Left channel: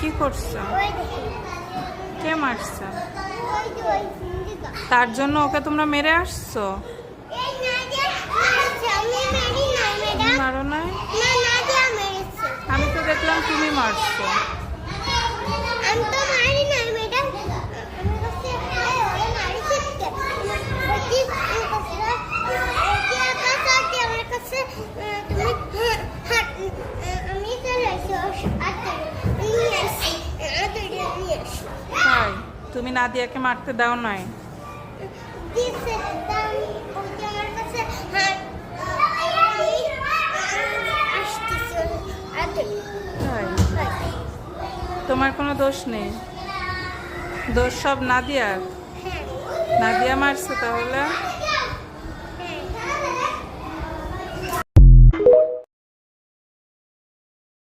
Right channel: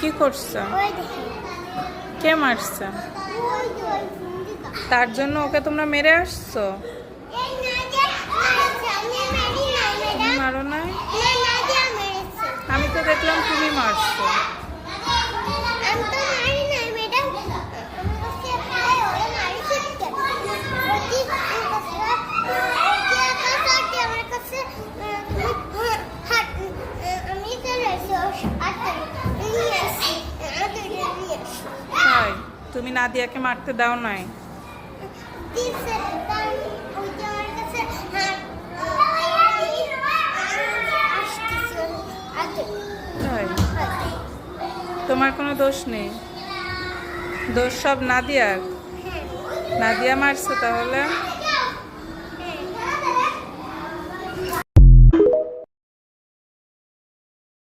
কি করছো? কে মারছে? তার জন্য ওকে তোমরা মেরে আসছো? তুমি মারো নাই? আমি তো দেখলাম তুমি মারছো। তাই তুমি নাদিয়াকে মারতে দাও নাই? তাই তোমার কোনো দোষ নেই? দোষ সব নাদিয়ার? নাদিয়া মারছে তাহলে?